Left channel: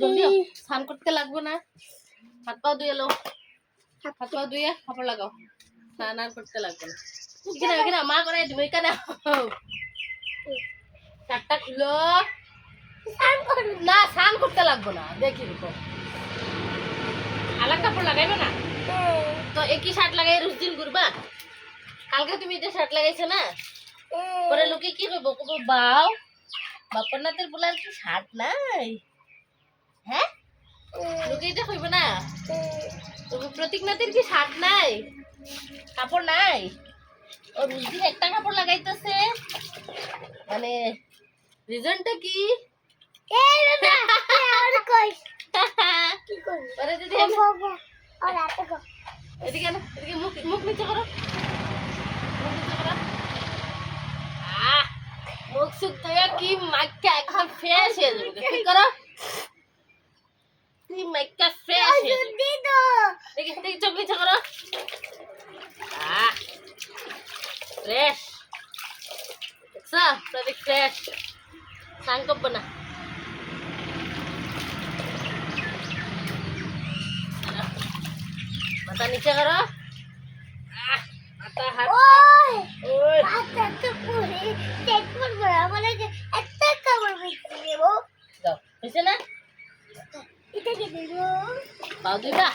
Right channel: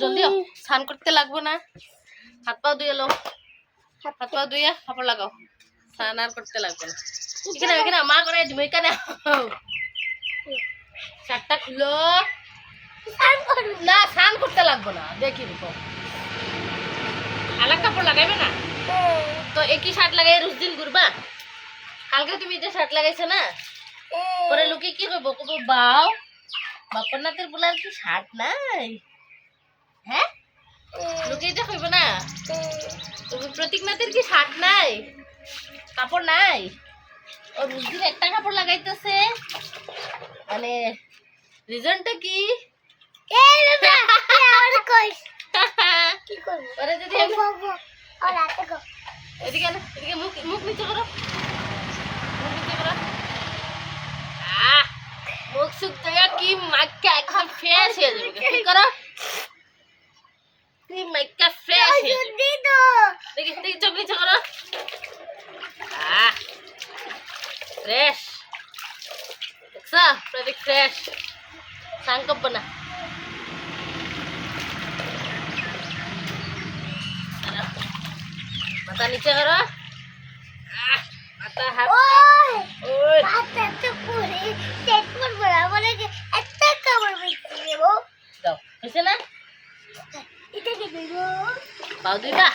জলদি স্নান করতে লাগবো না, হাত পা ধুয়ে লো, হাত পা ধুয়ে কাপড় লাগাও, স্নান আর করতে লাগবে না। এখানে এখানে মা করে তুমি এখানে শার্টটা খুলো না, স্নান করতে লাগবো না, দেখি দেখো আলাদা কাপড় লাগাইবে না তো একই শার্ট লাগাই রোজ দিন ঘুরবা। কালকে তুমি যে শার্ট লাগাইছো না, পরে লোকে কি কইব, কইব বাও বাপর নাতের বলার কি শার্ট নাই, হ্যাঁ লোকে এটা কইব না, তুমি প্রতীক নাতের কি শার্ট নাই, কাপড় নাই, ও রোজ দিন একটা কাপড় লাগাইতেছে, মানে রিজনটা কি? এদিকে মুখ মুখ নিচে করো, মুখ সুখ থেকে কি মাইকা একদম ফ্রেশ হয়ে যাবে, কি করো কি মাইকা ফ্রেশ হয়ে যাবে, দেখি দেখি চোখ নিচে করো, ফ্রেশ দেখছো প্রতীক ফ্রেশ, সাংকব না মাথা নিচে করো, মাথা হাত দাও, হয়েছে না পাও দুইটা,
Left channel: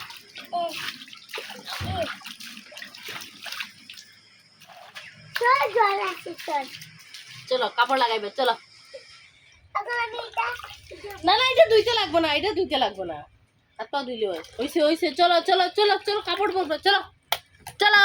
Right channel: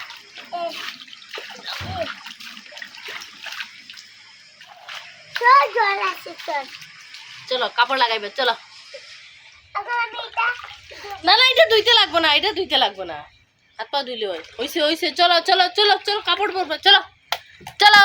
চলো কাপড় লাগাইবে চলো। না না এটা ধুইতে লাগবো না, এটা ধুইতে লাগবো না, হাত পা ধুইলে হইছে হইছে, চলো চলো চলো চলো কাপড় পরবো, চলো চলো।